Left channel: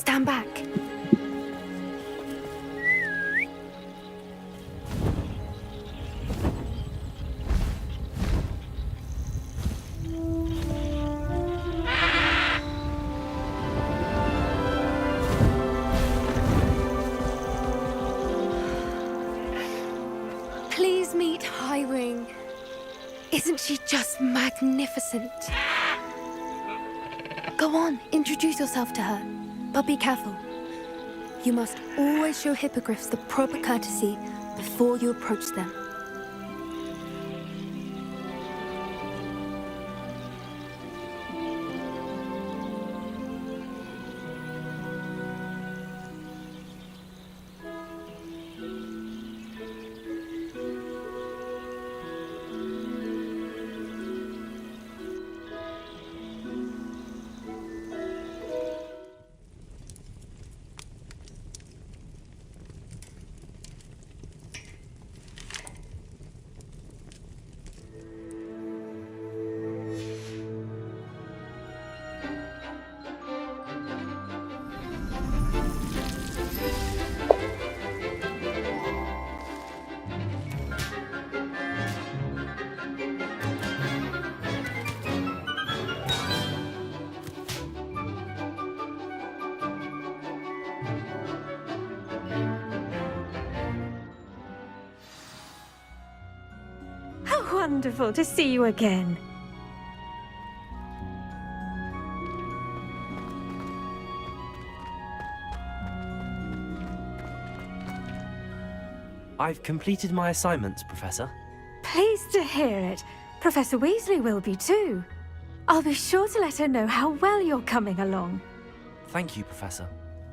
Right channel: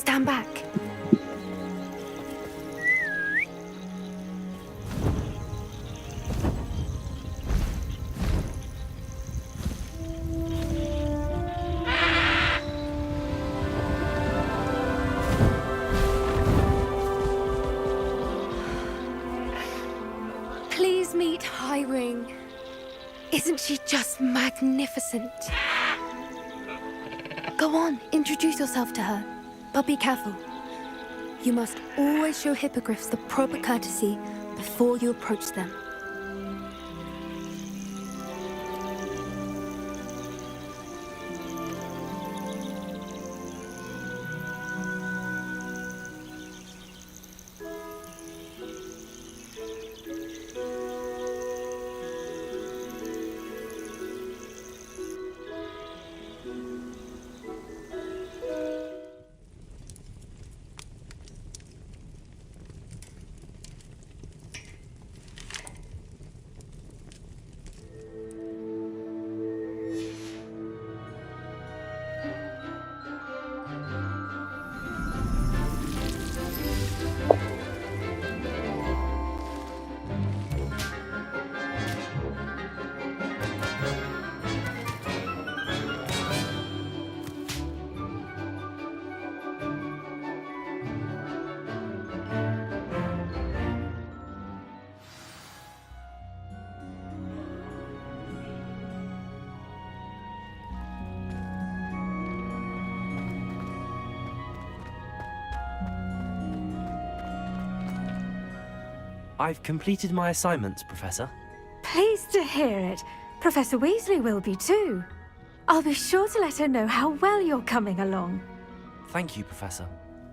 Stand back. Please meet Highwing. Isn't she just magnificent? Go on, introduce yourself to her. But be careful. You must always show hippogriffs the proper courtesy before you approach them. Wonderful to see you again. I've completed my assignments, Professor. Pleased to hear it. Professor Weasley will be too. I'll be sure to let her know how well you're coming along. Thank you, Professor.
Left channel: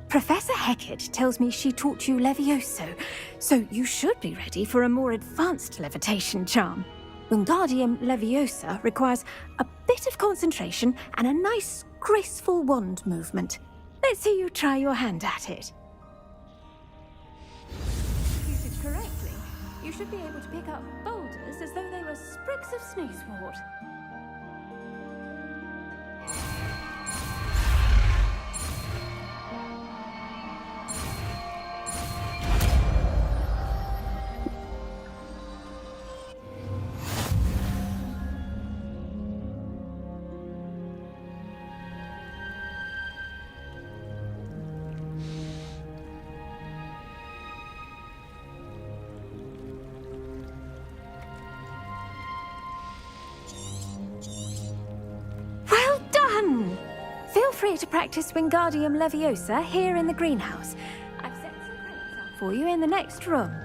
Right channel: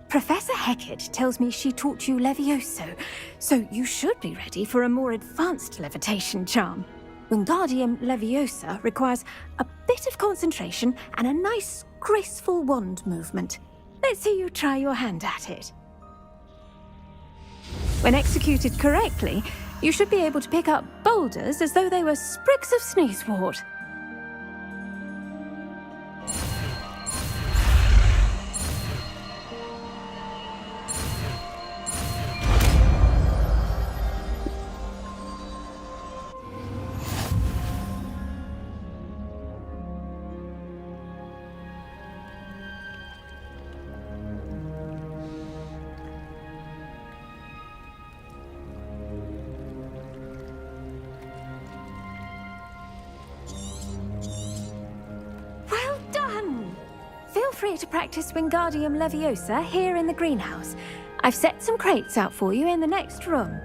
Professor Hecat tells me she taught you Levioso, so you should be ready for a more advanced levitation charm. Wingardium Leviosa requires a bit of concentration and a nice, graceful wand movement. Let's see you try your hand at it. When executed correctly, you should be able to pick up boulders as though they were sprigs of sneezewort. Feel free to practice Wingardium Leviosa here in the greenhouse. I've set some crates out for you in the next room.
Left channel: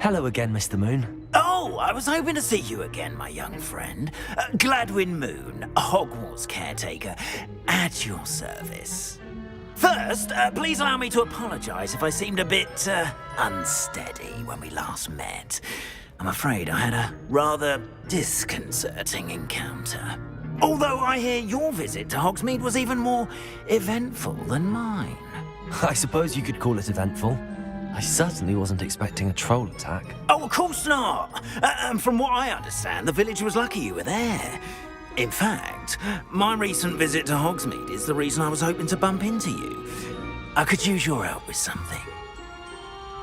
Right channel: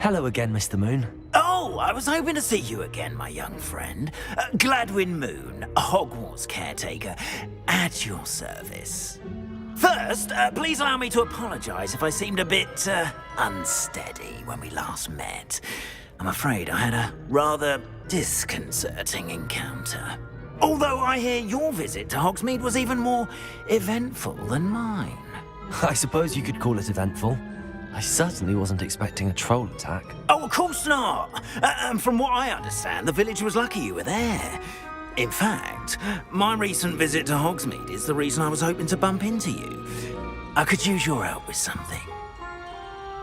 Hello again, Mr. Moon. Oh, I was hoping to see you again, my young friend. Gladwin Moon, Hogwarts caretaker, at your service. First, please allow me to apologize if I seemed a bit, unsteady when we last met. I'm afraid I had a rather disconcerting encounter. Although I hear your visit to Hogsmeade was even more eventful than mine. I suppose you could call it eventful. I certainly wasn't expecting a troll attack. Oh, of course not! And from what I understand, the village was lucky you were there. In fact, my recent visit to Hogsmeade is the reason I was hoping to bump into you. I could use your help with something.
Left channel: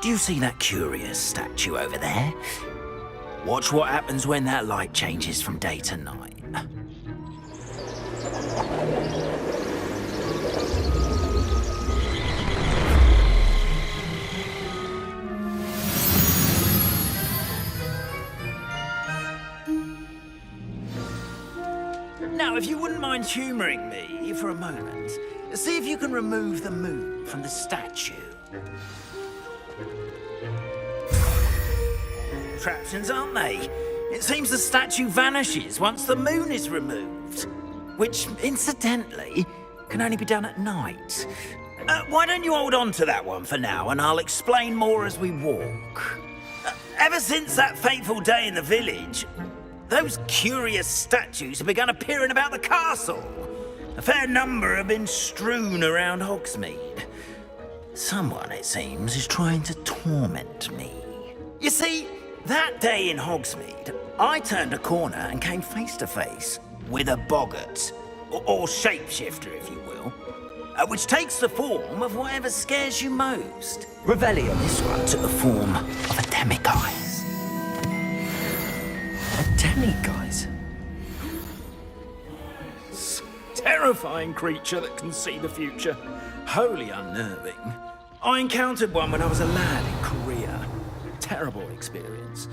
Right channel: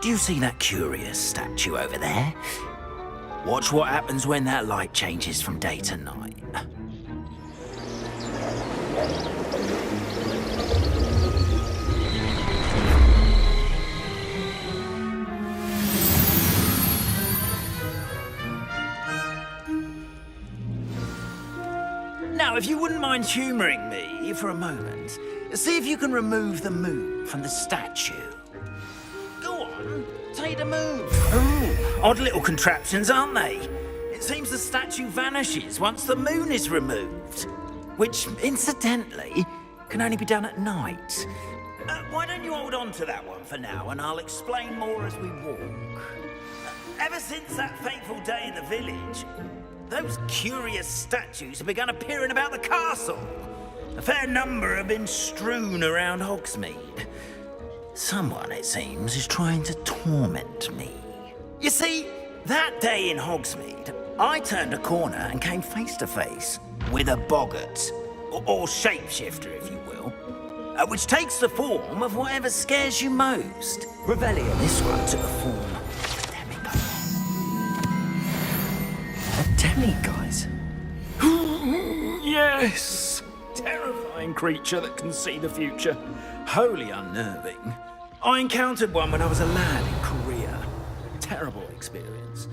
Do you see that curious statue over there? Watch what happens when that light changes from day to night. Now, if you wouldn't mind humouring me for a moment, see if you can remove the moon from the statue. Go on, take the moon. Oh, odd little contraptions, aren't they? It seems the statue vanishes once the moon is removed. Which, incidentally, can only be done at night. Why don't you hold on to that one for now, and I'll explain more as we walk. Ever since that fateful day in the village, those curious statues have begun appearing about the castle. A fair number have been strewn around Hogsmeade. Someone, it seems, is trying to torment me. You see, that day in Hogsmeade, I turned a corner and came face to face with a boggart, or shapeshifter, if you will, which takes the form of whatever scares you most. Revelio. This one took the form of a demiguise. A demiguise? Yes! Terrifying creature that can see the future. Wholly unnerving. I encountered one when I was a lad in Korea. Terrible experience.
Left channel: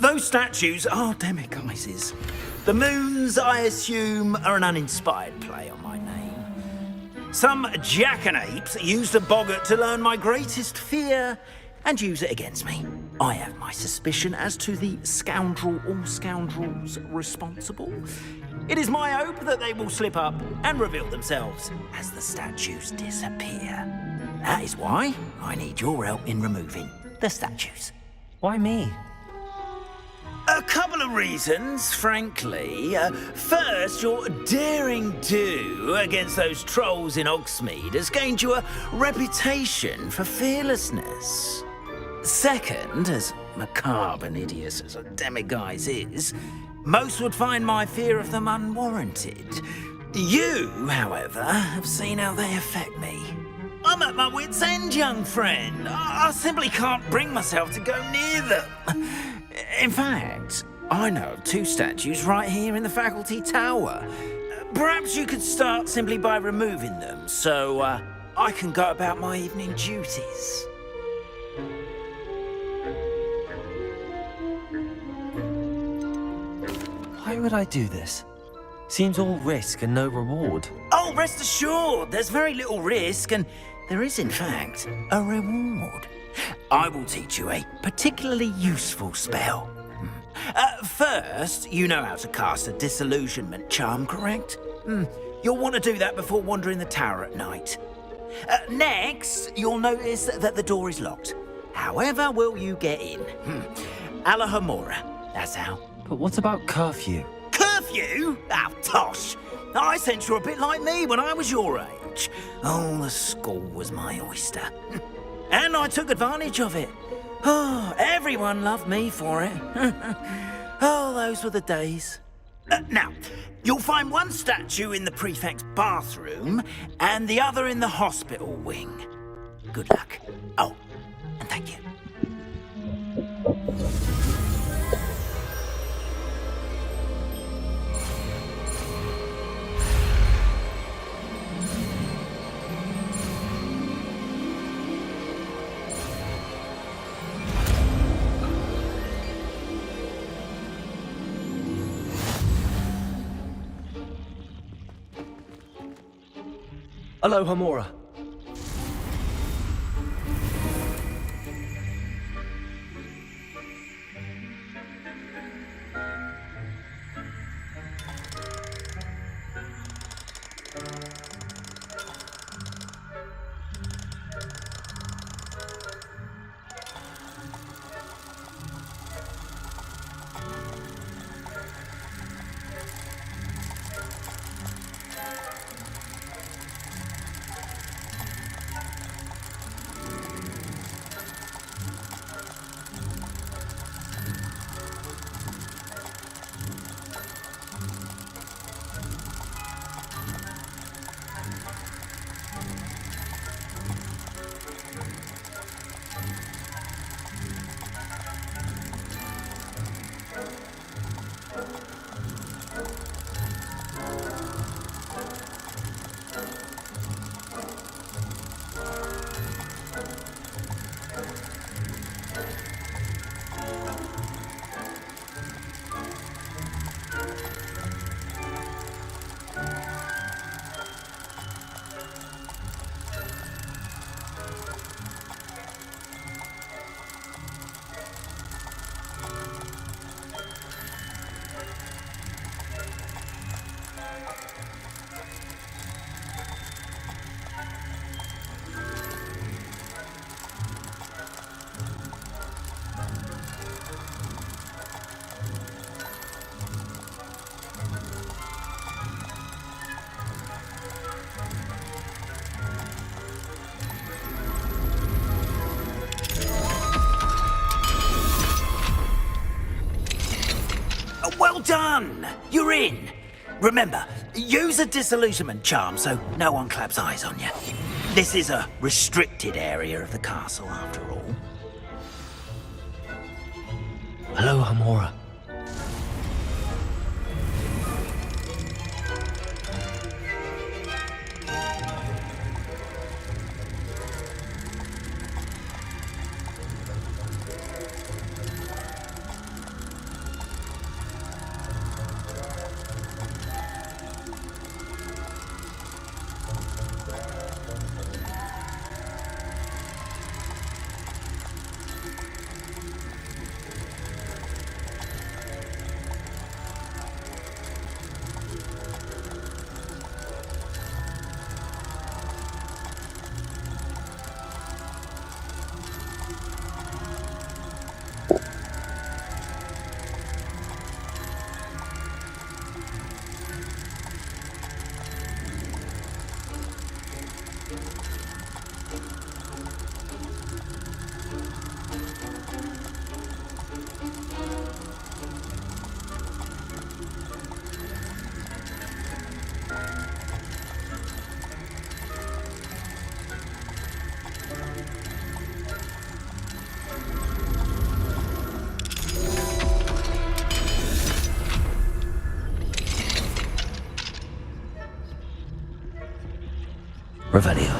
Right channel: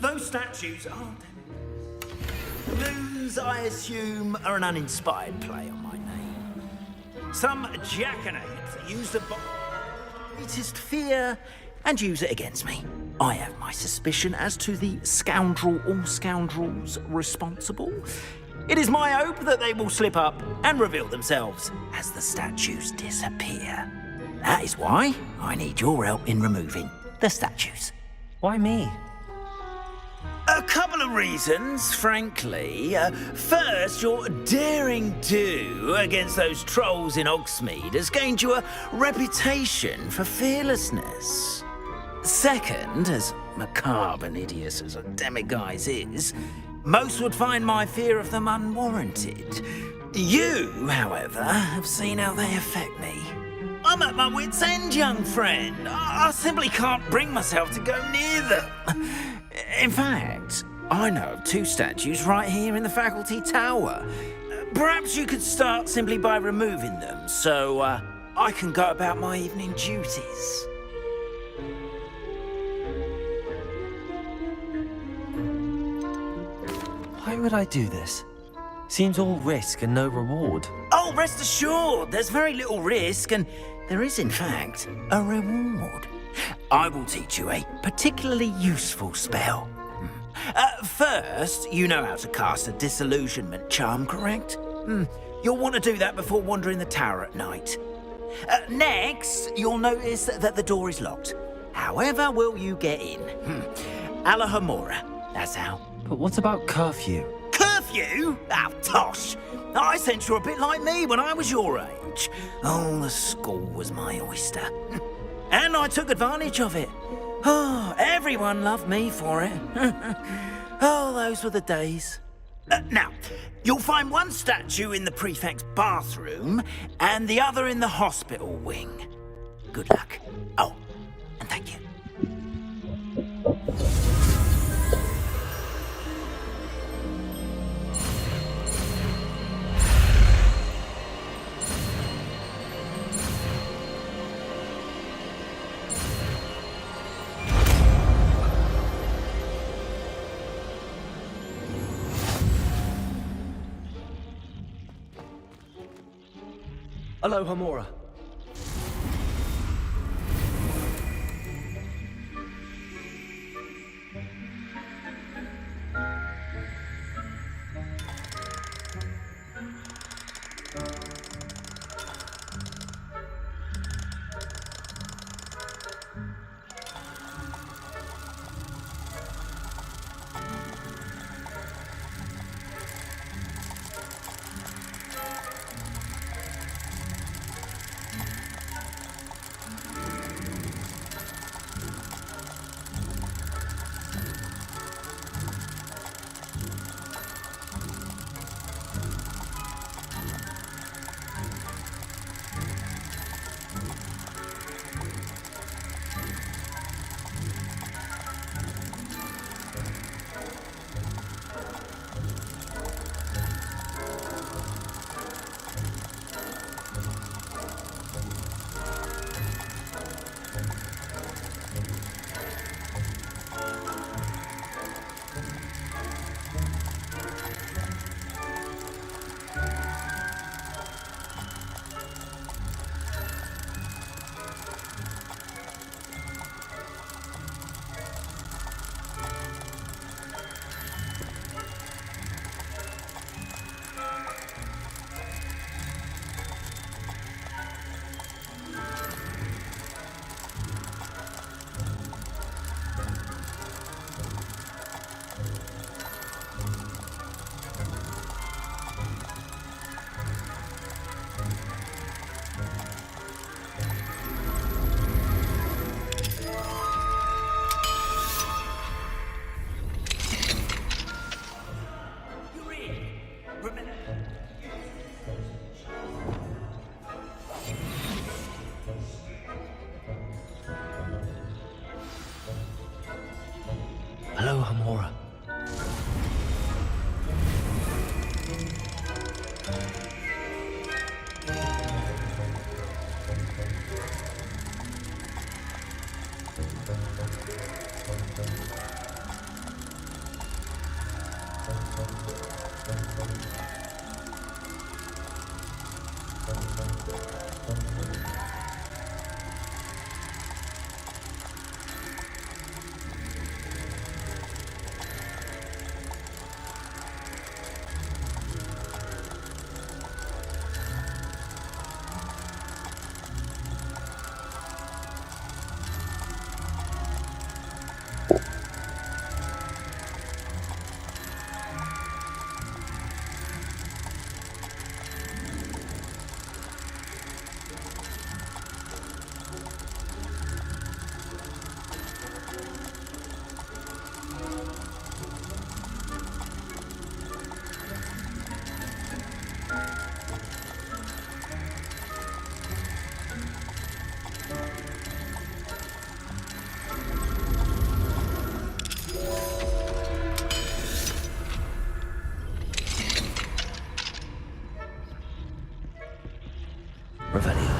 Those statues are demiguises. The moons, I assume, are an uninspired play on my name. Some jackanapes used a boggart to learn my greatest fear and use it against me. I have my suspicion as to the scoundrel or scoundrels responsible. It is my hope that they will slip up and reveal themselves as the statues disappear. That is why I need your help in removing the statues. Why me? A couple of reasons, frankly. First, your daring do against those trolls in Hogsmeade has gained you a reputation for fearlessness. Second, as macabre and hideous as a demiguise is, most would find my fear of them unwarranted. You, however, have seen how they affect me. I'm at my wit's end, young friend. I simply can't bring myself to go near them. In fact, I know of 2 statues right here in the faculty tower. Perhaps you could start simply by removing them, so I can go about my evening duties. Why would I do this? Seems all risk and no reward. Oh, rest assured, there's very little risk, and there is, in fact, a reward. I will teach you a particularly useful spell. First, you know how to cast a disillusionment charm, correct? You'll want to do that before wandering the tower at night. Next, you'll notice that the door is locked. However will you get in? Alahomora, that's how. But what about curfew? Curfew? Oh, tosh. I sense you're a bit like me when I was your age. Oh, the school was my oyster. And I took advantage of it. Oh, everyone loved me for it. Oh, those were the days. Now, you'll find one statue in the prefect's bathroom and the other in the hospital wing. Good luck. Oh, and thank you. Alohomora. Well done! You're in. Remember, use a disillusionment charm so no one claps eyes on you. This is a restricted area of the castle, after all. Hello, Hamora. Revelio.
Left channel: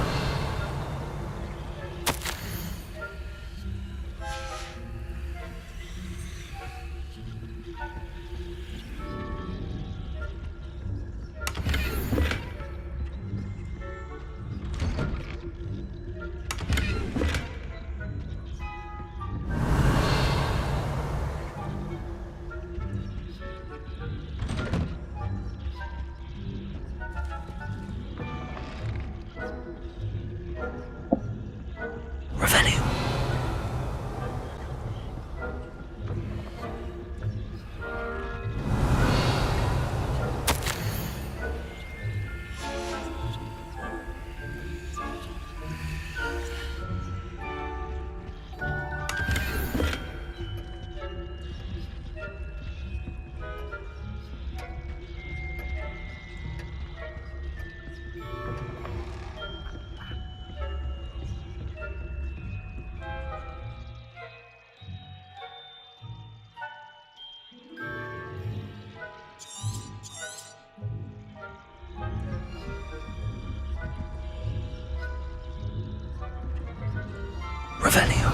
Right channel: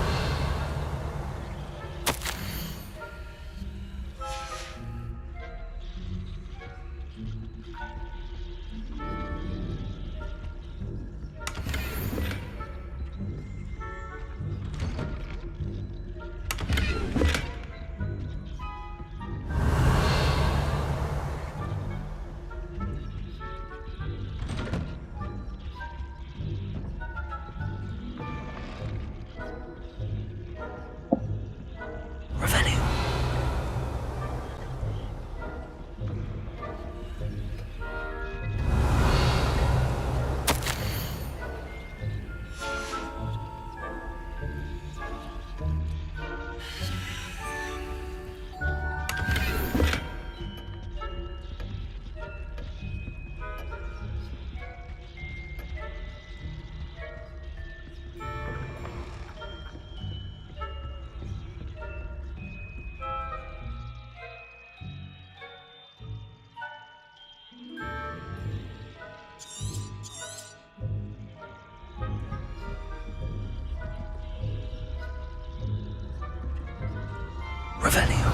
Revelio.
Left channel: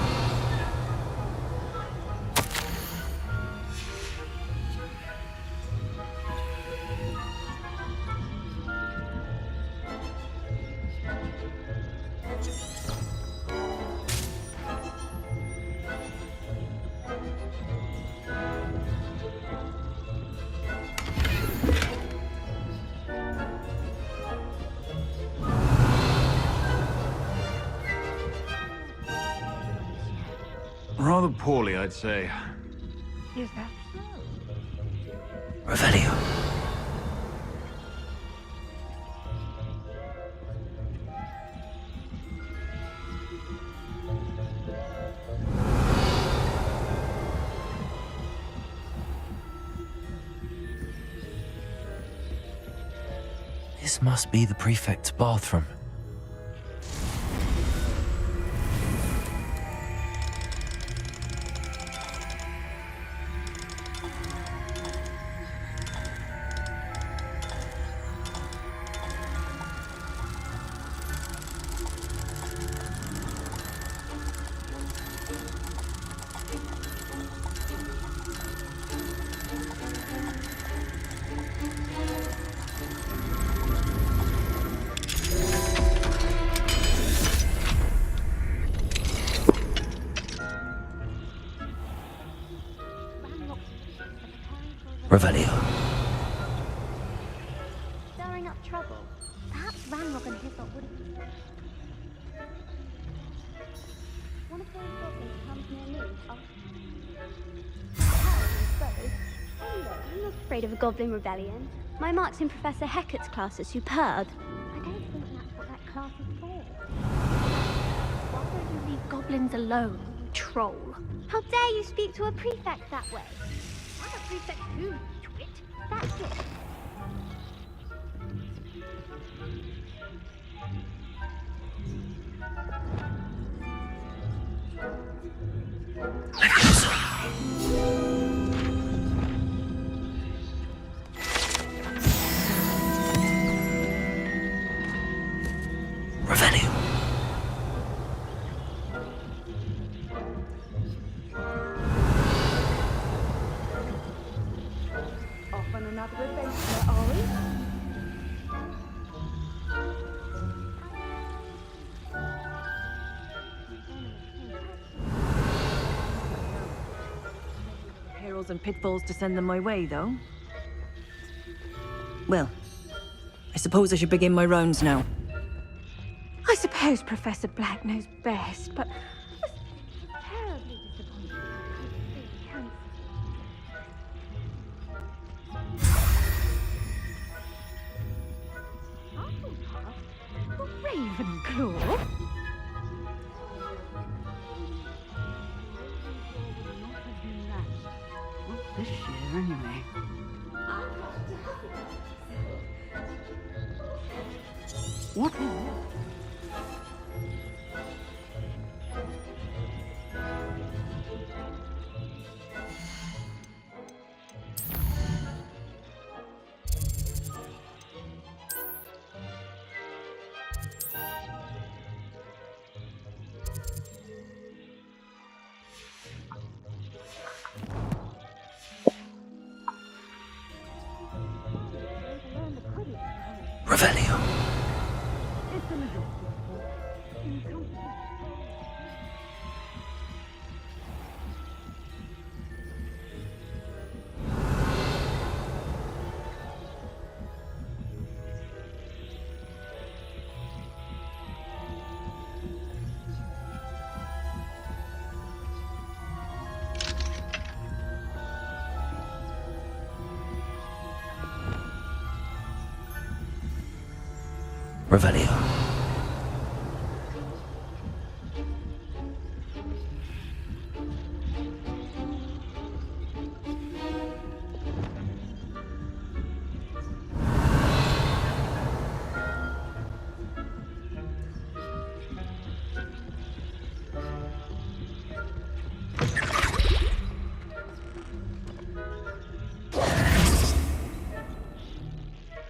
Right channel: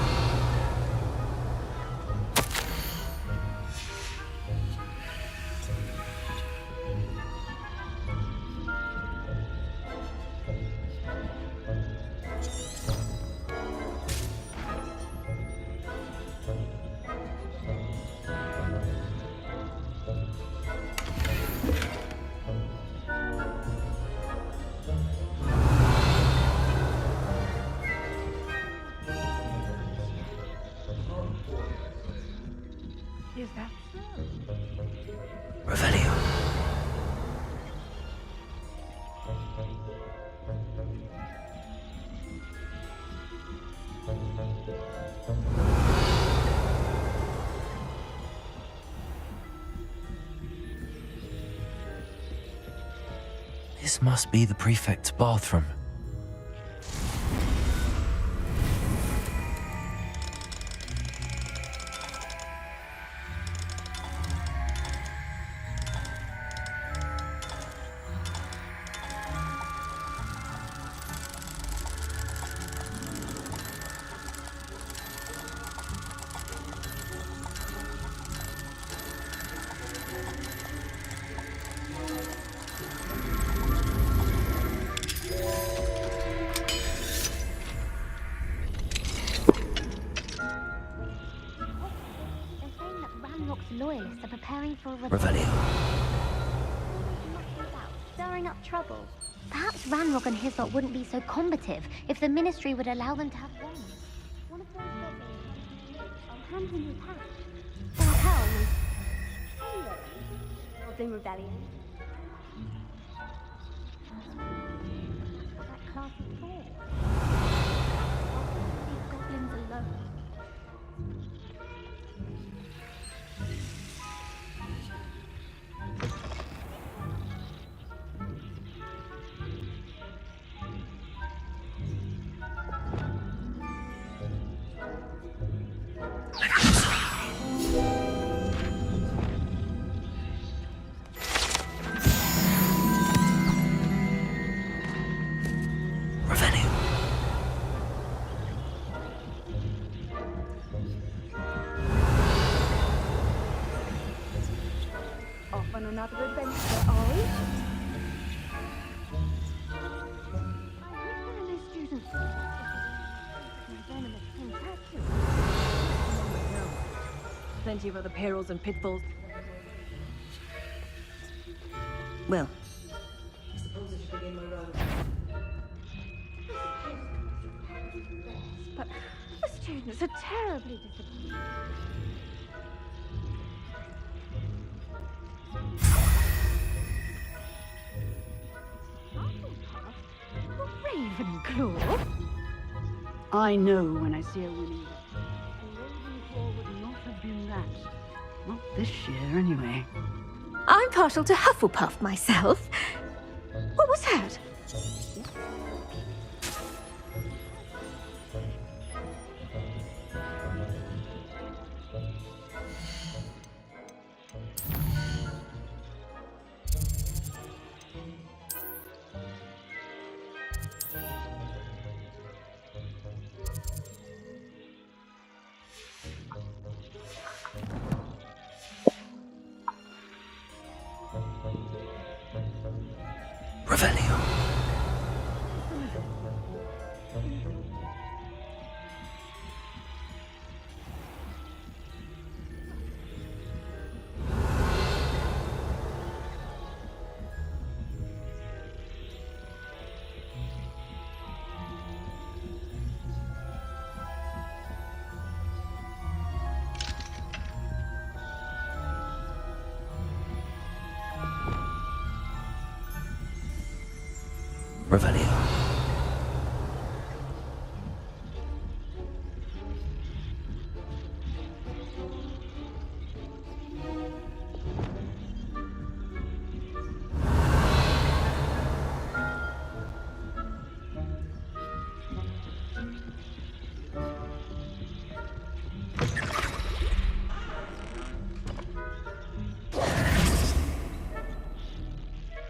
Rather poorly, I'd say. Is that so? Revelio. This must be the prefect's bathroom. Revelio. Stirring up trouble. Perhaps Ranrock and his lot wouldn't be so combative if the Ministry would allow them to have guns. One of those goblins comes near me, I'll hand him his hat. From hell, and so. Anyway, I'm not afraid of a goblin rebellion. My marching Professor Hecat's class is superb. I don't think that's what that class is for. Why don't you leave goblins alone, troll? How dare you speak to a prefect that way? I'm a prefect too. on another adventure, are we? Plenty of other perils and pitfalls to send them my way, though. Well, I suppose I should begin my rounds now. I suppose Professor Black knows best, but the students are terribly disappointed. Ravenclaw? I know when I see a winning. Ravenclaw would not have been that. Not this year, anyway. I'm partial to Hufflepuff myself. What was that? What? Revelio. Revelio.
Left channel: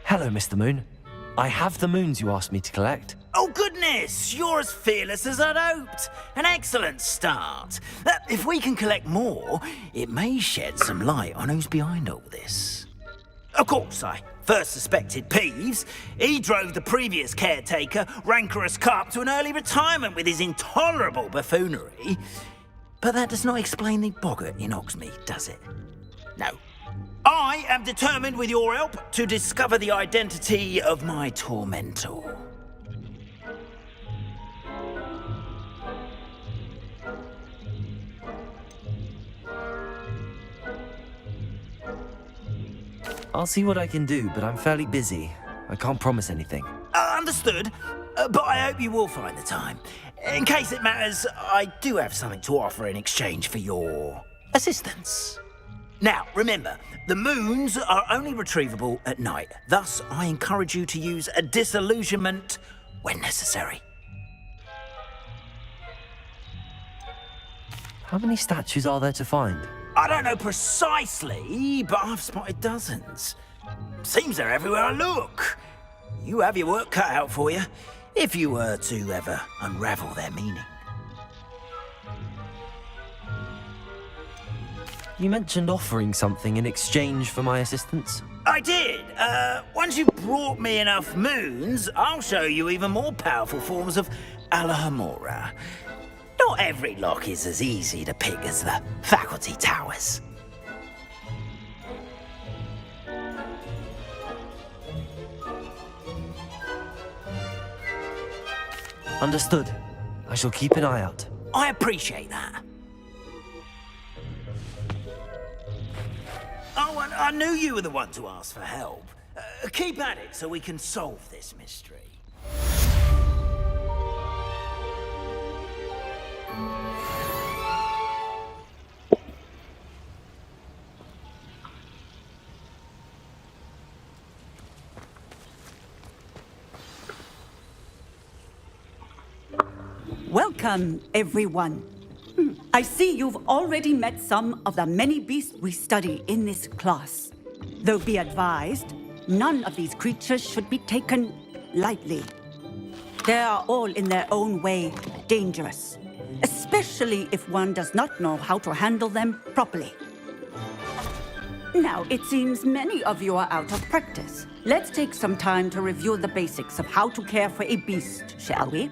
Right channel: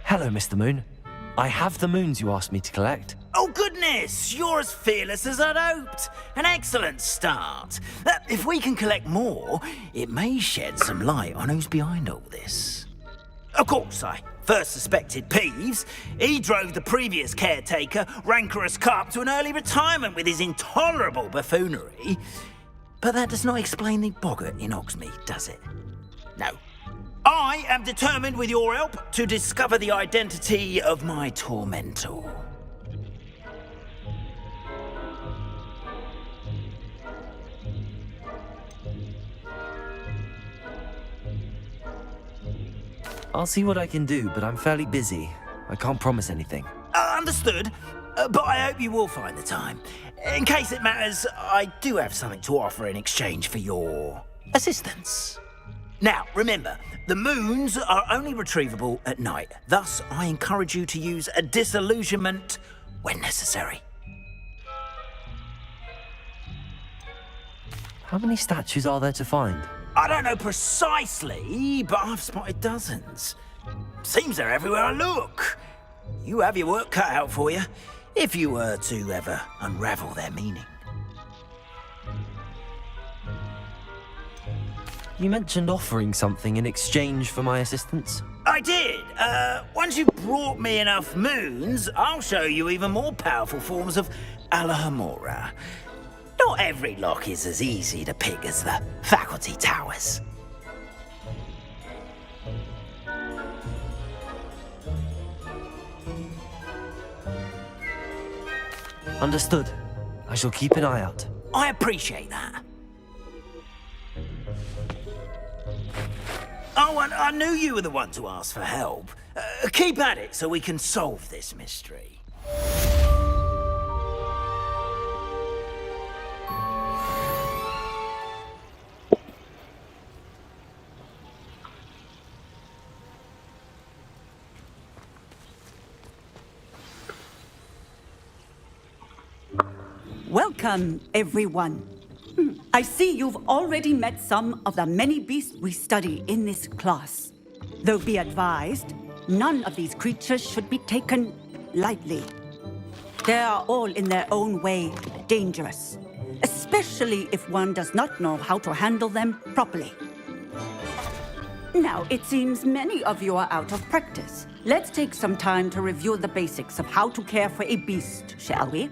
Hello, Mr. Moon. I have the moons you asked me to collect. Oh, goodness! You're as fearless as I'd hoped. An excellent start. If we can collect more, it may shed some light on who's behind all this. Of course, I first suspected Peeves. He drove the previous caretaker, Rancorous Carp, to an early retirement with his intolerable buffoonery. But that does not explain the boggart in Hogsmeade, does it? No. I am determined, with your help, to discover the identity of my tormentor. I'll see what I can do, but I'm fairly busy. I can't promise anything. Understood, but I hope you will find the time. In case it matters, I do have something to offer in exchange for your assistance. Now, remember, the moons are only retrievable at night. Thus, I encourage you to use a disillusionment when necessary. How many statues are there to find? I don't know precisely, but I've spotted dozens. Seems they're everywhere I look. You have your work cut out for you, if you were to ever unravel their meaning. You mentioned offering something in exchange for my assistance. I did. Once you've brought me enough moons, I'll show you even more powerful forms of Alohomora. Not every lock is as easy to pick as the faculty towers. Understood. I shall keep an eye out. I appreciate that. Oh, and I knew you were the one to ask for help. Keep at it so we can solve this mystery. Welcome, everyone. I see you've already met some of the many beasts we study in this class. Though be advised, none of these creatures should be taken lightly. They are all in their own way dangerous, especially if one does not know how to handle them properly. Now, it seems many of you are out of practice. Let's take some time to review the basics of how to care for a beast, shall we?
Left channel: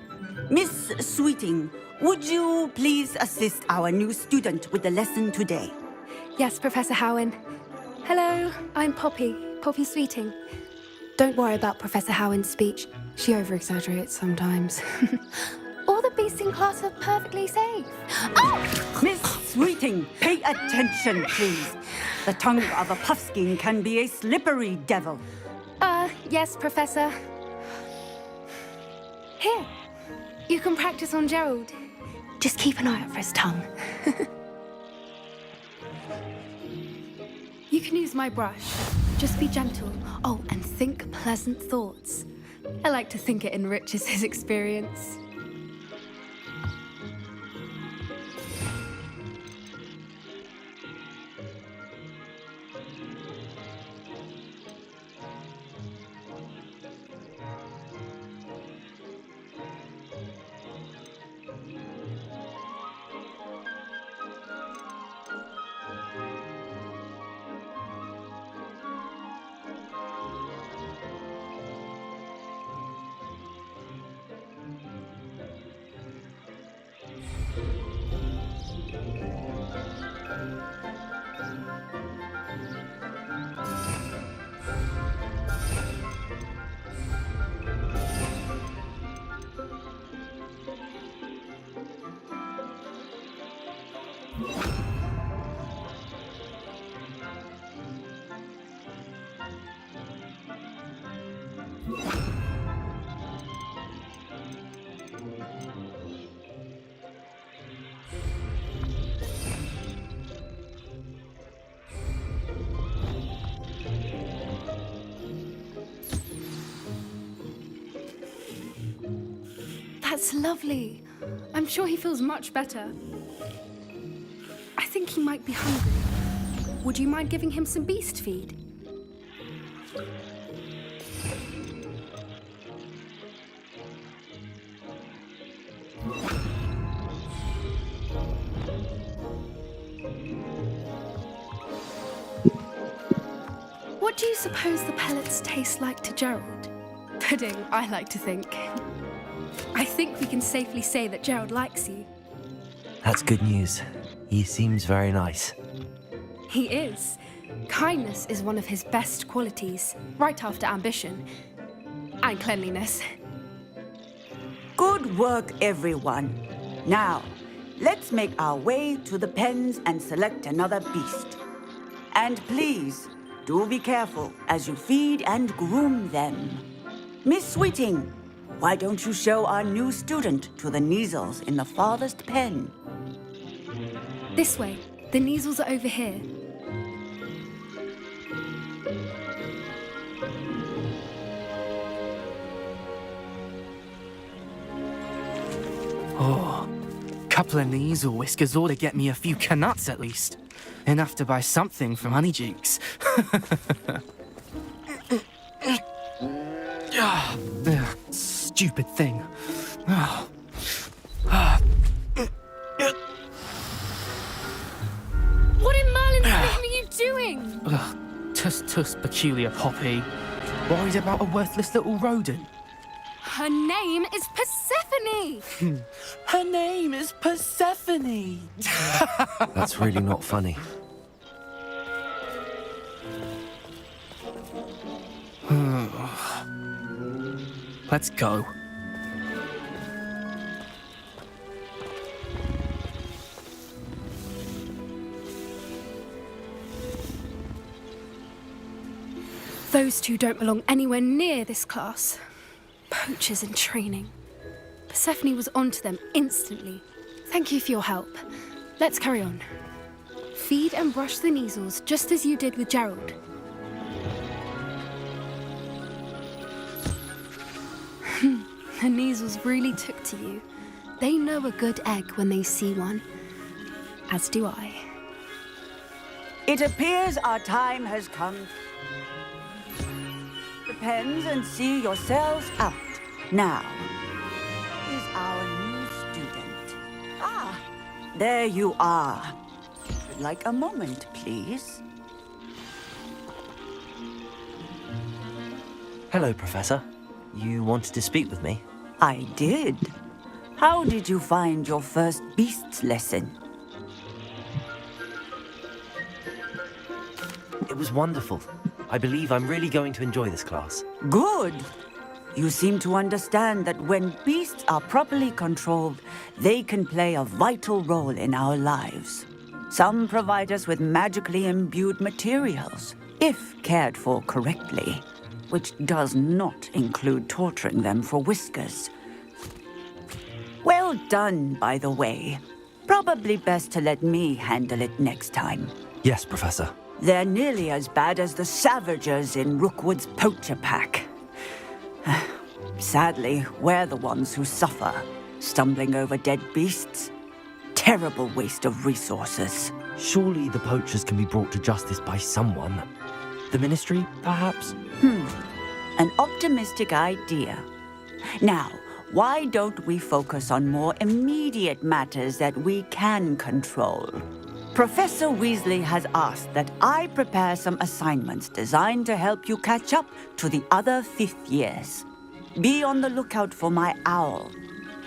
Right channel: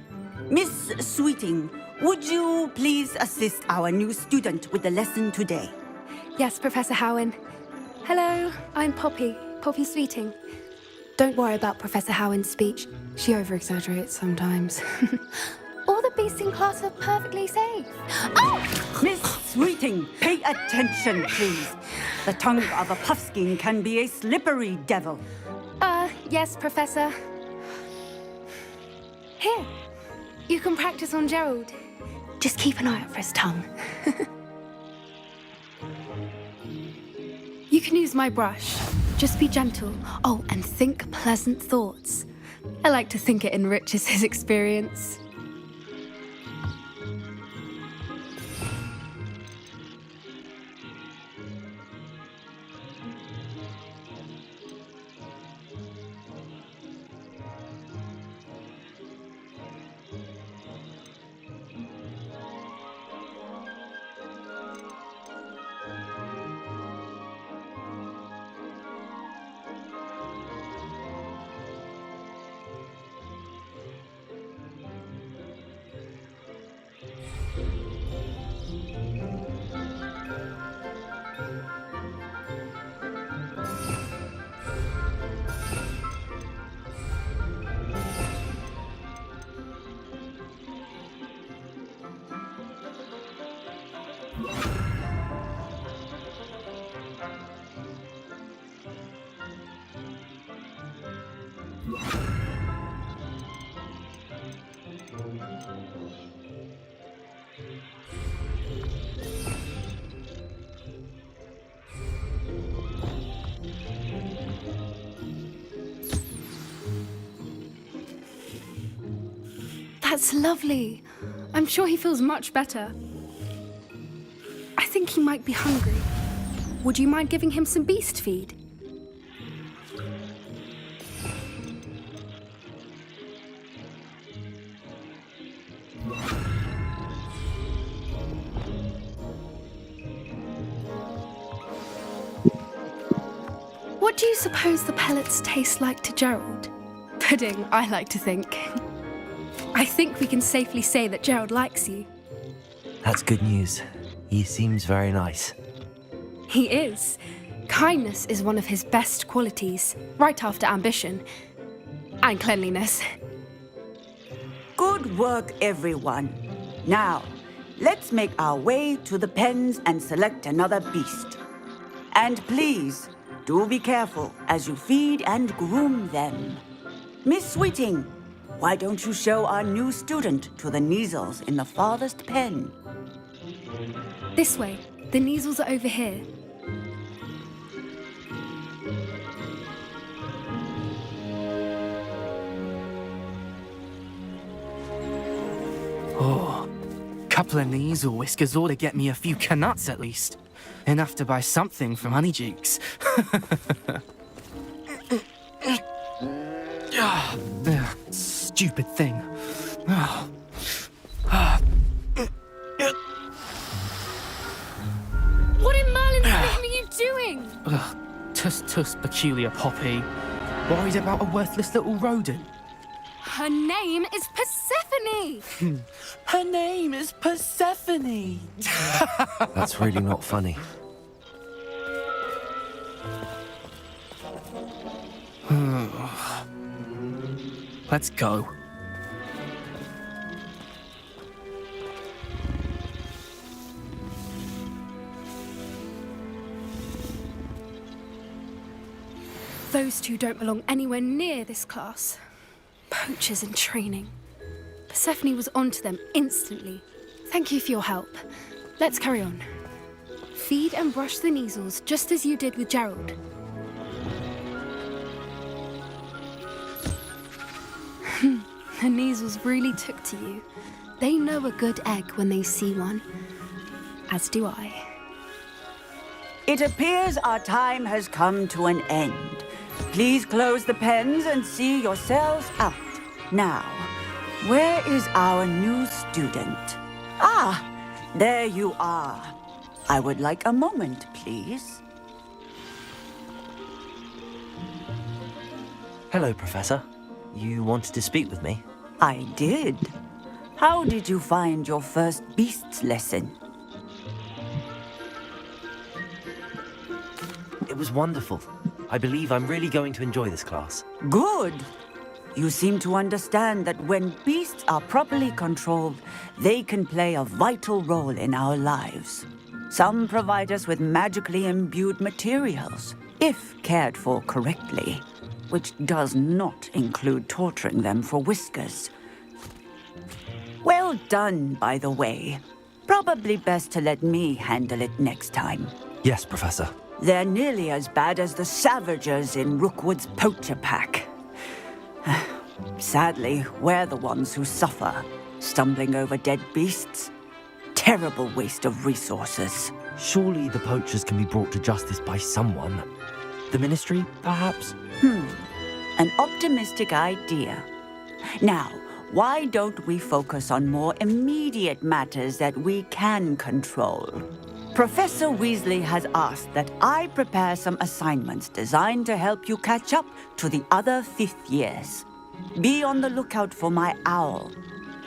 Miss Sweeting, would you please assist our new student with the lesson today? Yes, Professor Howen. Hello, I'm Poppy Sweeting. Don't worry about Professor Howen's speech. She over-exaggerates sometimes. All the beasts in class are perfectly safe. Oh! Miss Sweeting, pay attention, please. The tongue of a puffskein can be a slippery devil. Yes, Professor. Here, you can practice on Gerald. Just keep an eye out for his tongue. You can use my brush. Just be gentle. Oh, and think pleasant thoughts. I like to think it enriches his experience. That's lovely. I'm sure he feels much better. I think he might be hungry. Would you mind giving him some beast feed? What do you suppose the pellets taste like to Gerald? Pudding, I like to think. I think we can safely say that Gerald likes you. That's good news. He seems very nice. He is. Kindness is one of his best qualities, right after ambition. And cleanliness. Good work, everyone. Now, let's make our way to the pens and select another beast. And please, do be careful as you feed and groom them. Miss Sweeting, why don't you show our new student to the Neasels in the farthest pen? This way. The Neasels are over here. Oh, couple of Neasel whiskers ought to get me a few canuts at least. Enough to buy something from Honeydukes. Stupid thing. What in Merlin's name are you doing? Tuss, peculiar Poppy. Worried about a worthless little rodent. Her name is Persephone! Her name is Persephone! That's really not funny. Let's go. Those two don't belong anywhere near this class. Poachers in training. Persephone was onto them instantly. Thank you for your help. Let's carry on. Feed and brush the Neasels just as you did with Gerald. The Neasels really took to you. They know a good egg when they see one. As do I. It appears our time has come to an end. Please close the pens and see yourselves out. Now, where is our new student? Ah, there you are. I would like a moment, please. Hello, Professor. You wanted to speak with me? I did. How did you find your first beasts lesson? It was wonderful. I believe I'm really going to enjoy this class. Good. You seem to understand that when beasts are properly controlled, they can play a vital role in our lives. Some provide us with magically imbued materials, if cared for correctly, which does not include torturing them for whiskers. Well done, by the way. Probably best to let me handle it next time. Yes, Professor. They're nearly as bad as the Savagers in Rookwood's poacher pack. Sadly, we're the ones who suffer, stumbling over dead beasts. Terrible waste of resources. Surely the poachers can be brought to justice by someone. The Ministry, perhaps? An optimistic idea. Now, why don't we focus on more immediate matters that we can control? Professor Weasley has asked that I prepare some assignments designed to help you catch up to the other fifth years. Be on the lookout for my owl.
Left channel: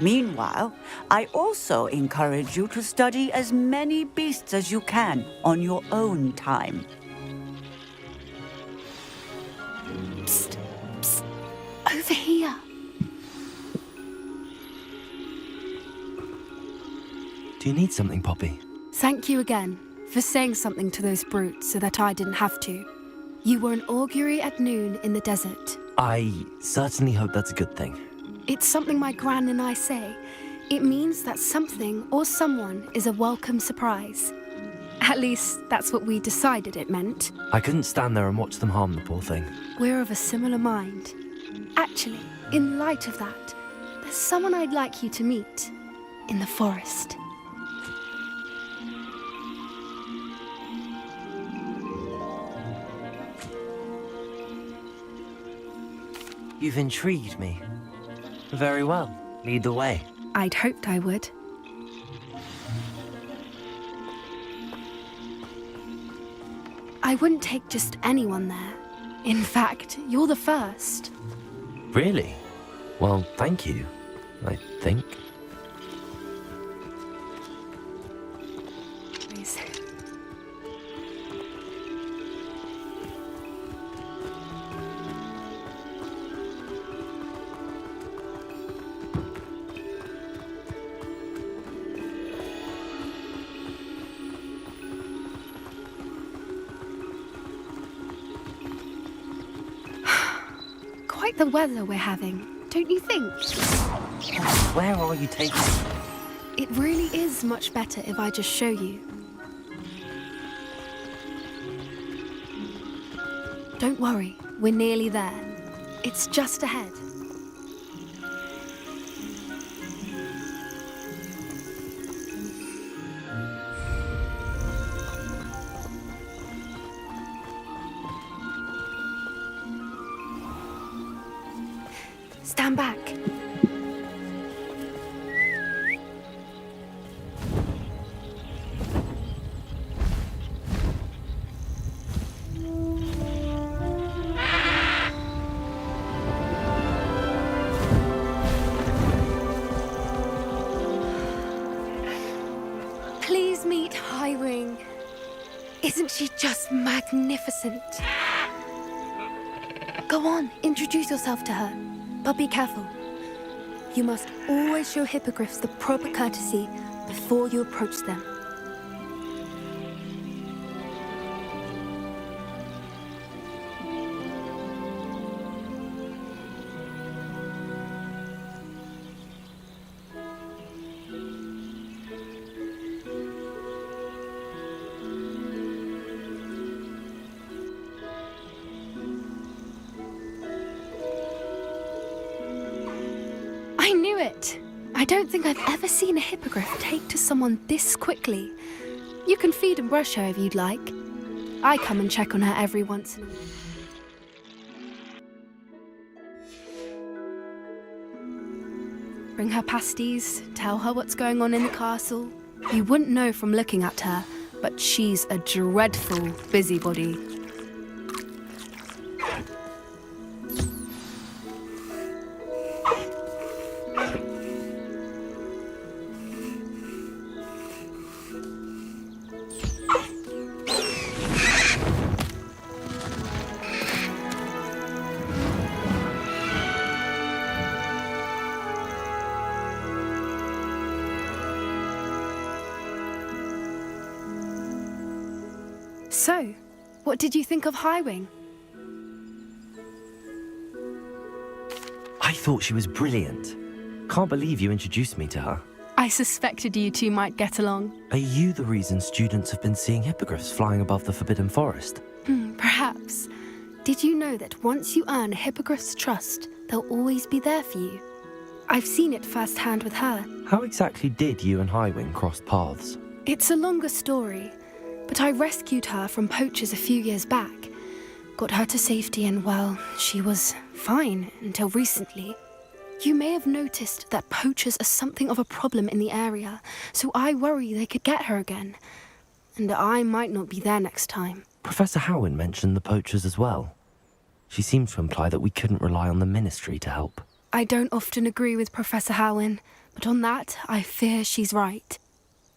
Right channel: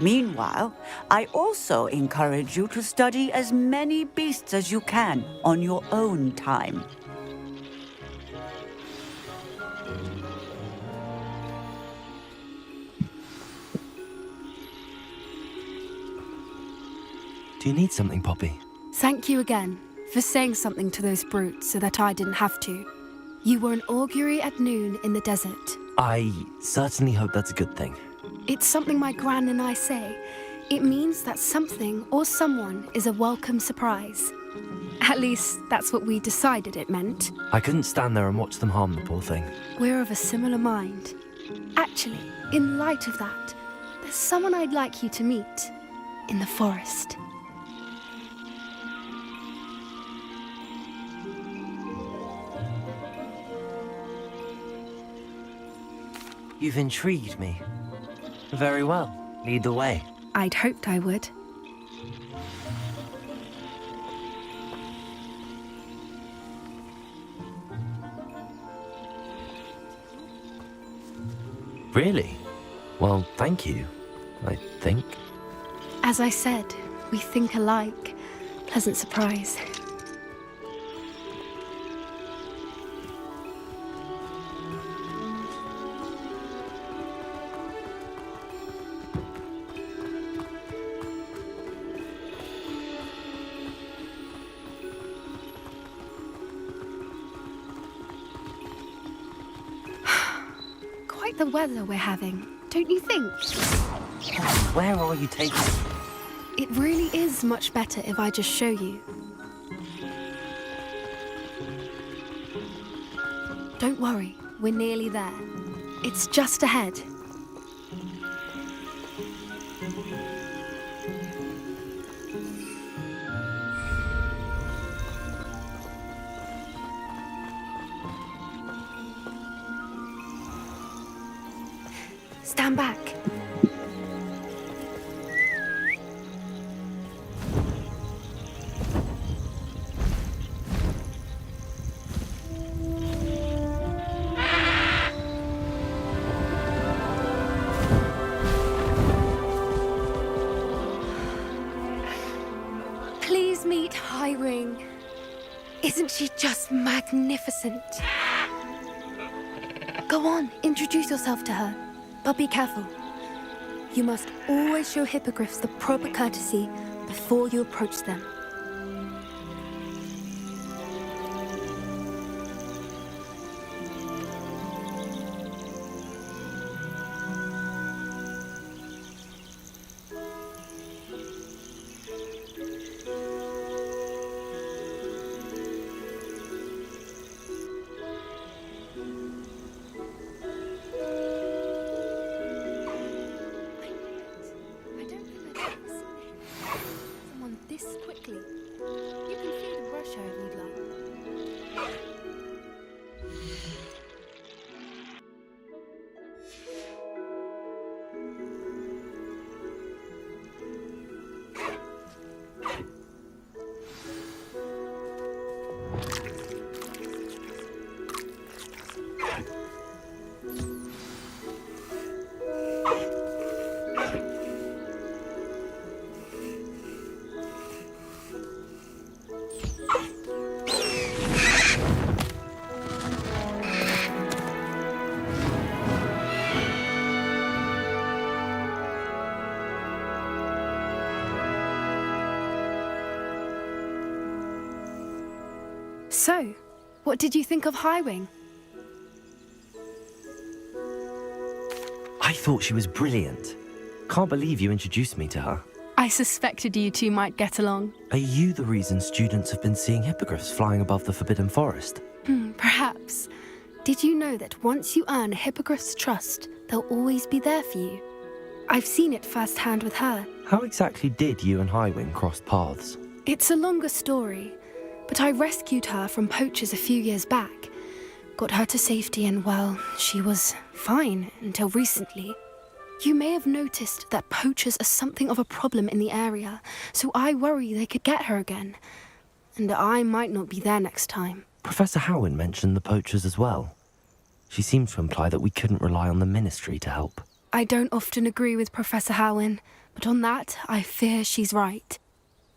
Meanwhile, I also encourage you to study as many beasts as you can on your own time. Psst, psst. Over here. Do you need something, Poppy? Thank you again for saying something to those brutes so that I didn't have to. You were an augury at noon in the desert. I certainly hope that's a good thing. It's something my gran and I say. It means that something or someone is a welcome surprise. At least, that's what we decided it meant. I couldn't stand there and watch them harm the poor thing. We're of a similar mind. Actually, in light of that, there's someone I'd like you to meet in the forest. You've intrigued me. Very well. Lead the way. I'd hoped I would. I wouldn't take just anyone there. In fact, you're the first. Really? Well, thank you, I think. As I said, we think alike. Pleasant surprise. Quite the weather we're having, don't you think? Where are you taking me? It really is much better if I just show you. Don't worry, we're nearly there. It's just ahead. Stand back. Please meet Highwing. Isn't she just magnificent? Go on, introduce yourself to her. But be careful. You must always show hippogriffs the proper courtesy before you approach them. I knew it! I don't think I've ever seen a hippogriff take to someone this quickly. You can feed and brush her if you'd like. I come and check on her every once in a while. Bring her pasties, tell her what's going on in the castle. You wouldn't know from looking at her, but she's a dreadful busybody. So, what did you think of Highwing? I thought she was brilliant. Can't believe you introduced me to her. I suspected you two might get along. Are you the reason students have been seeing hippogriffs flying above the Forbidden Forest? Perhaps. Did you know that once you earn a hippogriff's trust, they'll always be there for you? I've seen it firsthand with her. How exactly did you and Highwing cross paths? It's a longer story, but I rescued her from poachers a few years back. Got her to safety and, well, she was fine until recently. You may have noticed that poachers are something of a problem in the area, so I worry they could get her again. And I might not be there next time. Professor Howin mentioned the poachers as well. She seemed to imply that we couldn't rely on the Ministry to help. I don't often agree with Professor Howin, but on that, I fear she's right.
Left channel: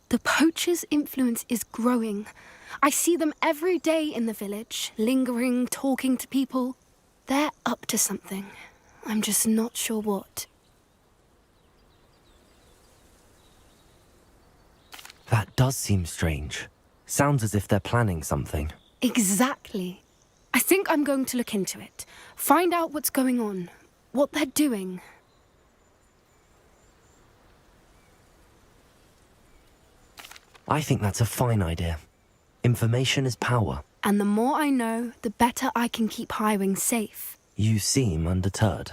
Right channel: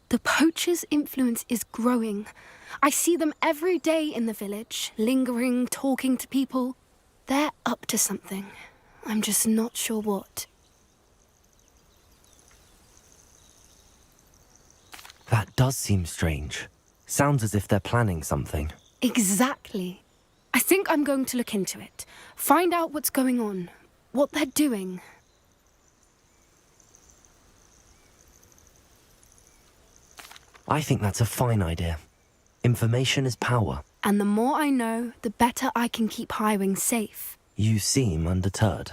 The poachers' influence is growing. I see them every day in the village, lingering, talking to people. They're up to something. I'm just not sure what. That does seem strange. Sounds as if they're planning something. Exactly. I think I'm going to look into it. Find out what's going on, what they're doing. I think that's a fine idea. Information is power. And the more I know, the better I can keep Highwing safe. You seem undeterred.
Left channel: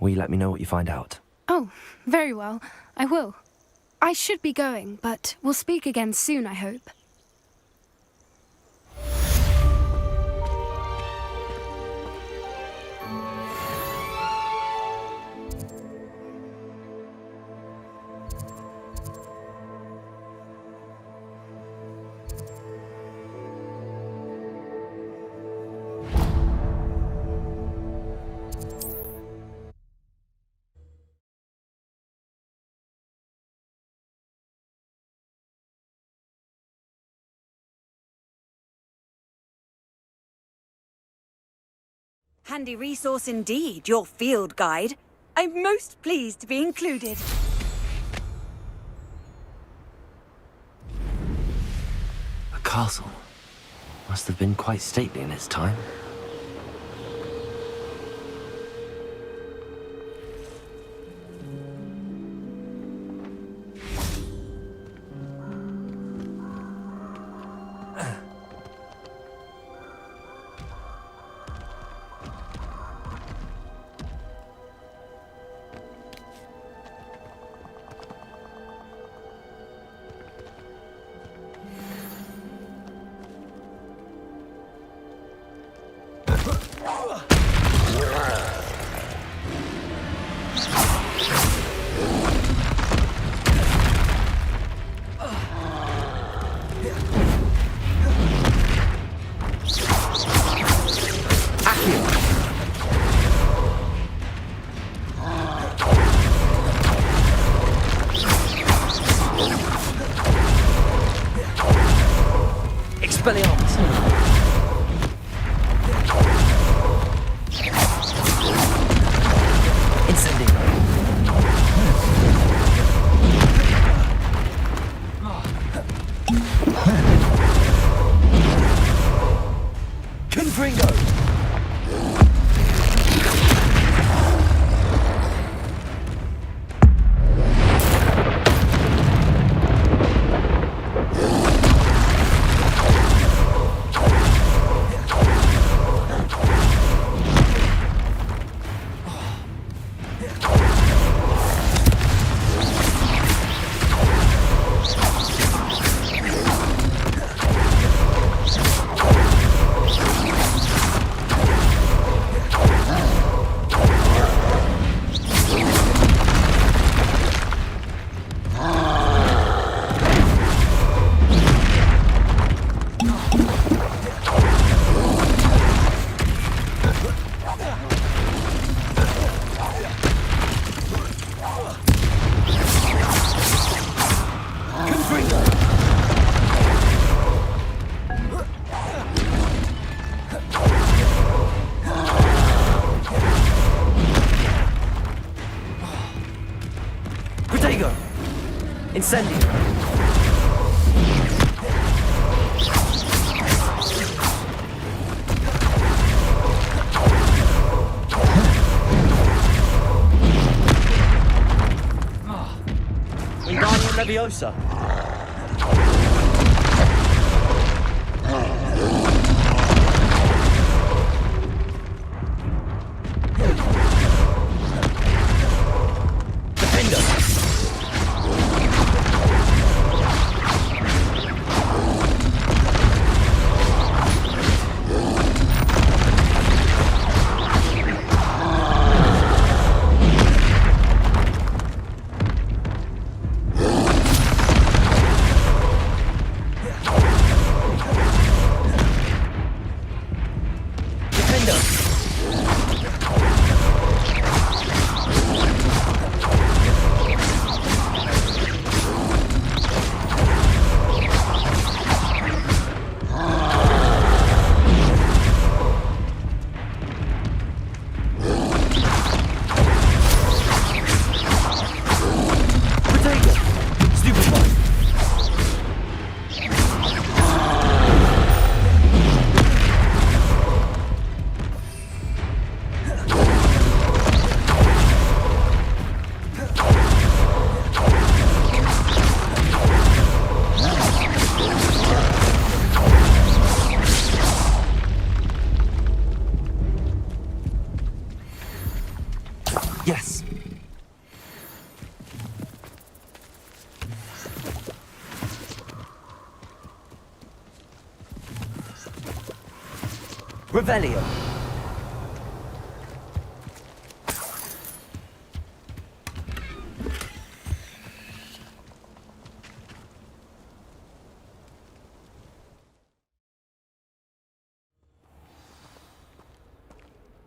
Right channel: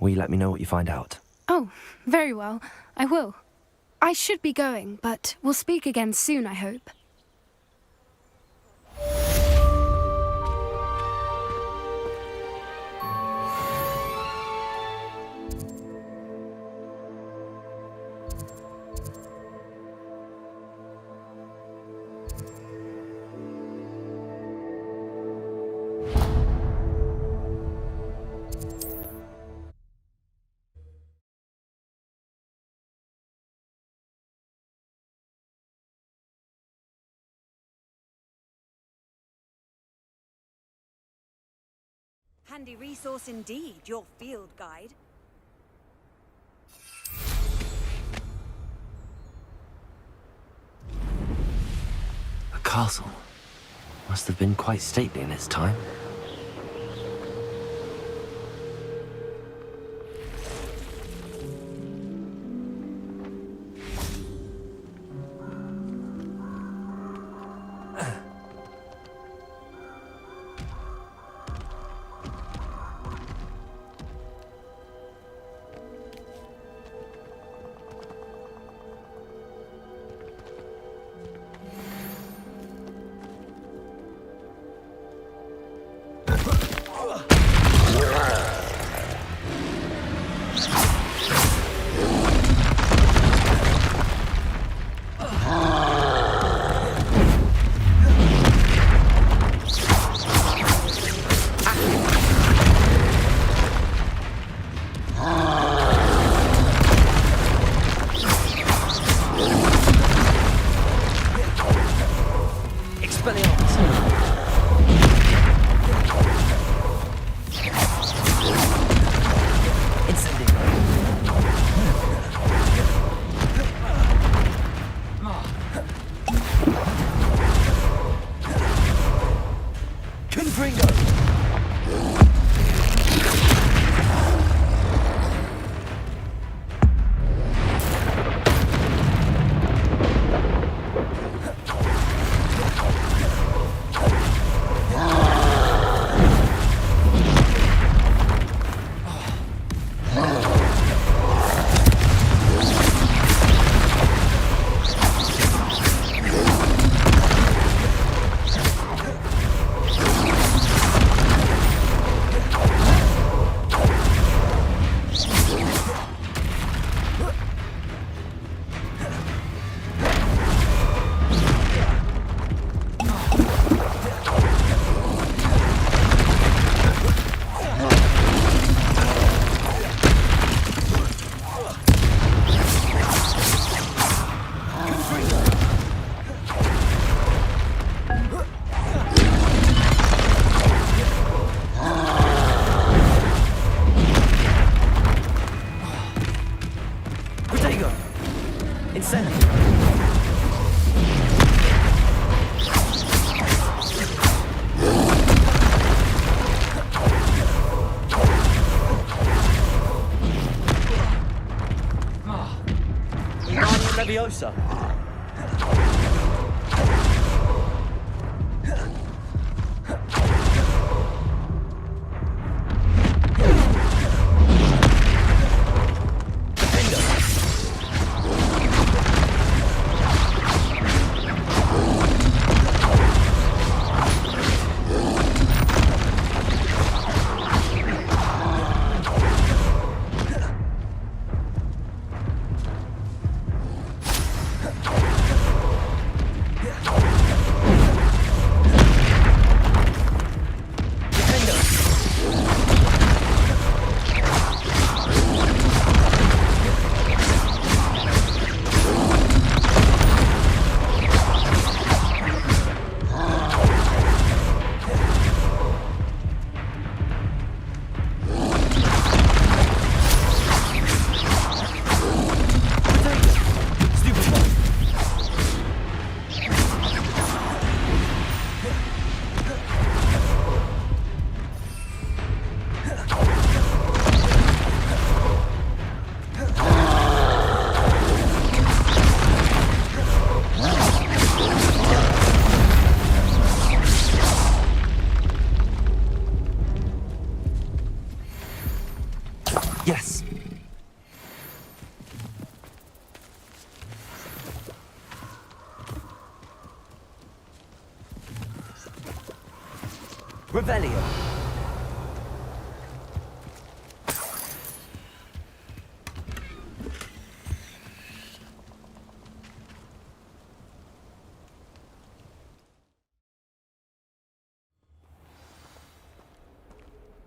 Will you let me know what you find out? Oh, very well. I will. I should be going, but we'll speak again soon, I hope. Handy resource indeed, your field guide. I'm most pleased to be included. A castle. Must have been quite stately in its time. Leviosa! Yes. Revelio.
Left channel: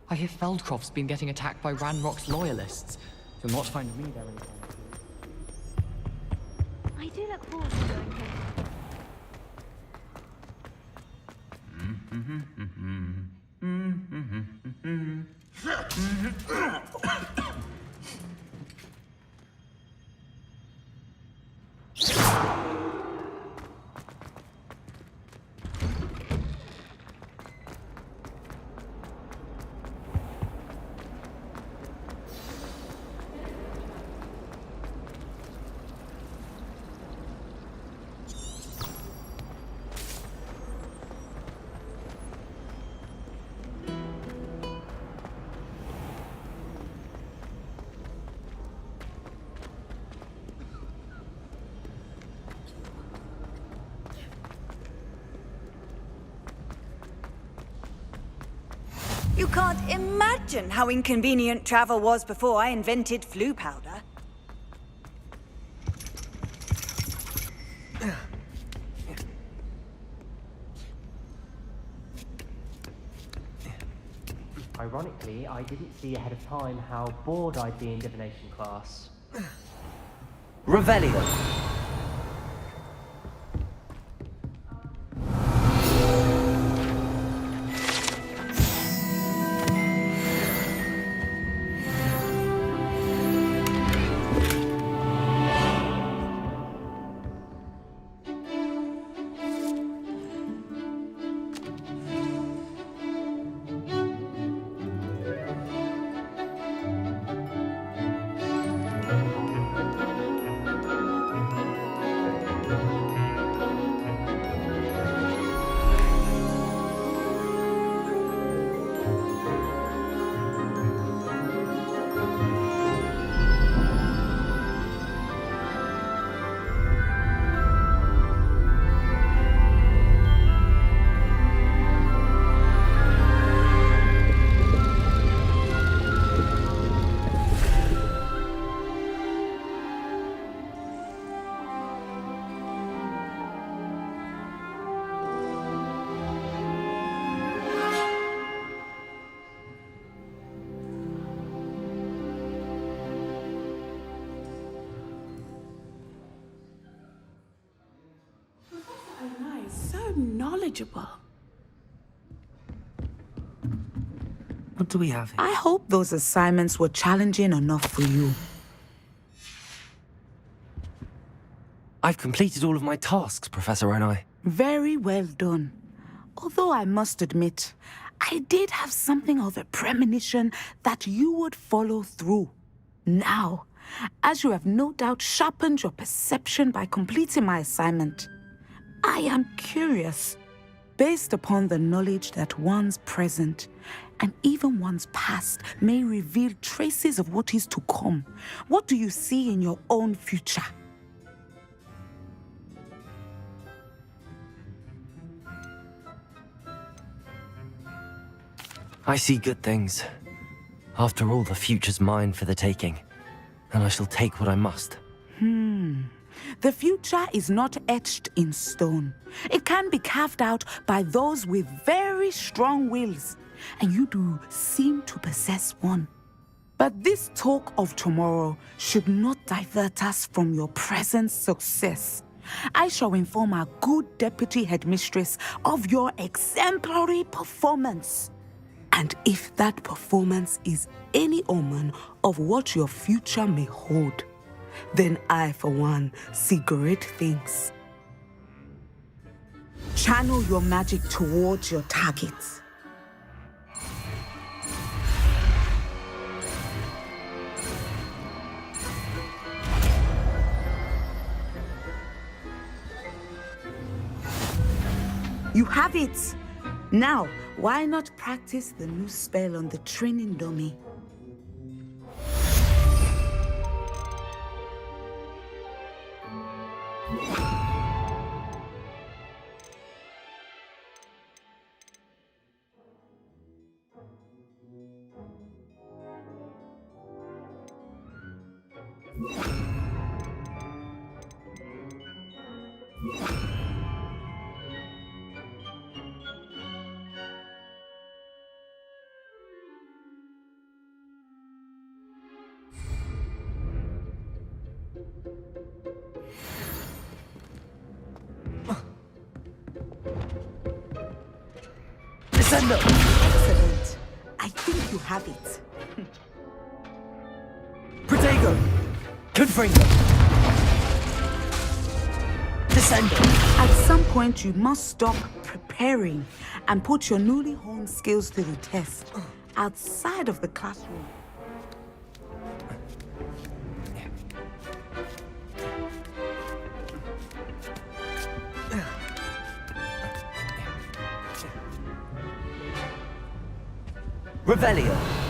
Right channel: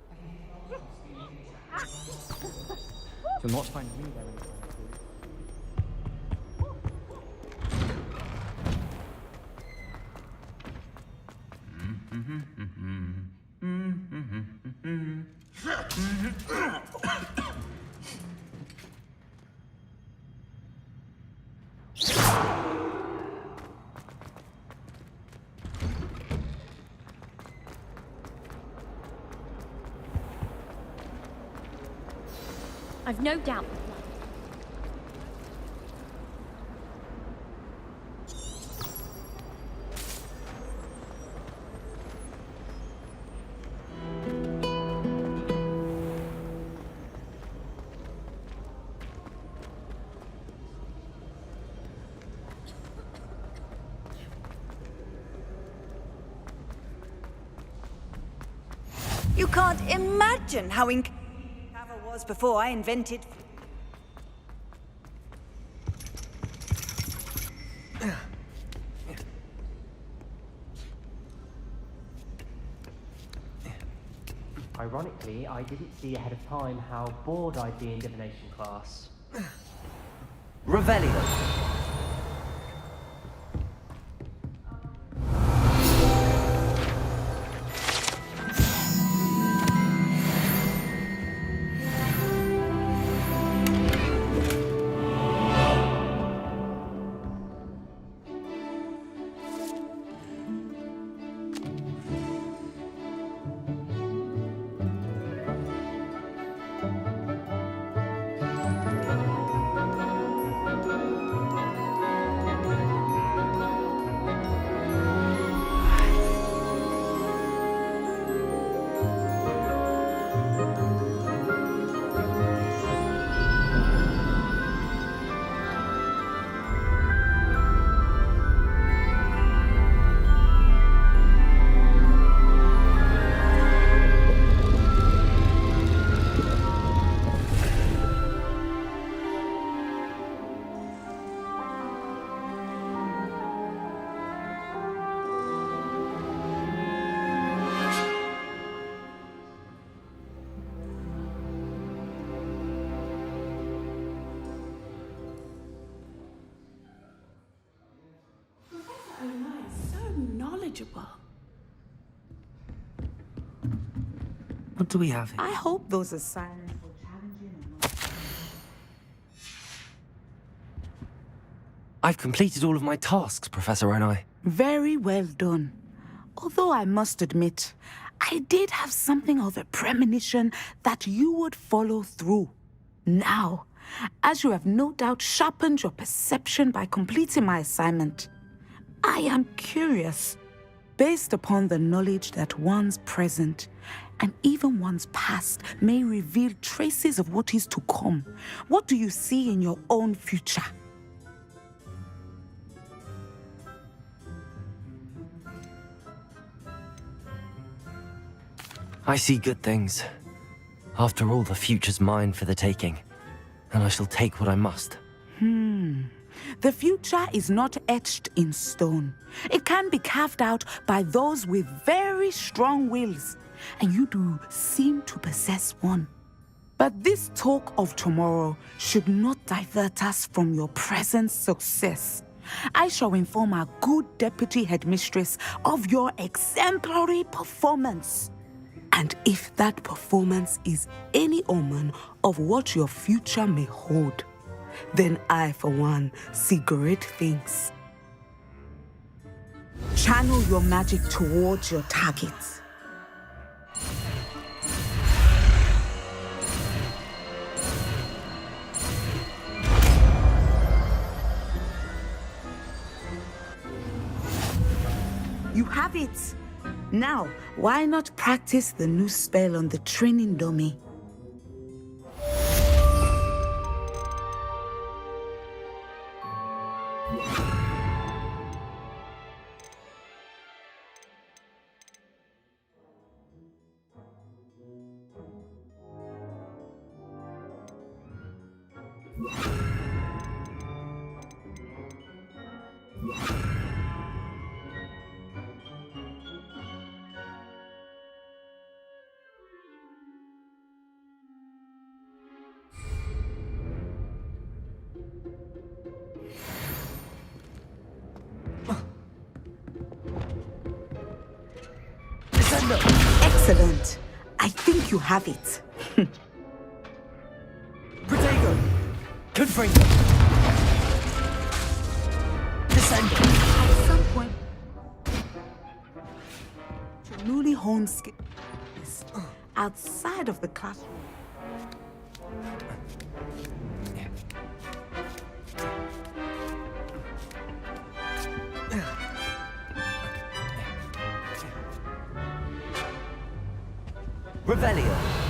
I hear Feldcroft's been getting attacked by Ranrock's loyalists. You'll not find me there anytime soon. I do look forward I've no doubt the plan. You can't imagine how inconvenient travel was before I invented flu powder. Ironically, I didn't see ahead of time how bored I'd be in divination class. Revelio. knowledgeable. What do we have here? I hope those assignments were challenging enough for you. I've completed all of my tasks, Professor Onai. Very well done. Although I must admit, I did have something of a premonition that you would follow through. Now, as you have no doubt sharpened your perception by completing my assignment. I am curious, based upon the knowledge that one's present and even one's past may reveal traces of what is to come. What do you see in your own future? I see good things. After all, the future's mine for the taking, and I shall take what I must. The future is not etched in stone. It can be carved out by those with very strong wills, and you do seem to possess one. But this talk of tomorrow should not divert us from your present success. I shall inform our good deputy headmistress of your exemplary performance. And if that performance is any omen of what your future may hold, then I, for one, see great things. Channel your magic towards your targets. You have it! Now, why not practice the new spell on the training dummy? Excellent. I think you have it. Protego! Confringo! Descendo! At some point, you must stop preparing and put your newly honed skills to the test outside of the classroom. Revelio!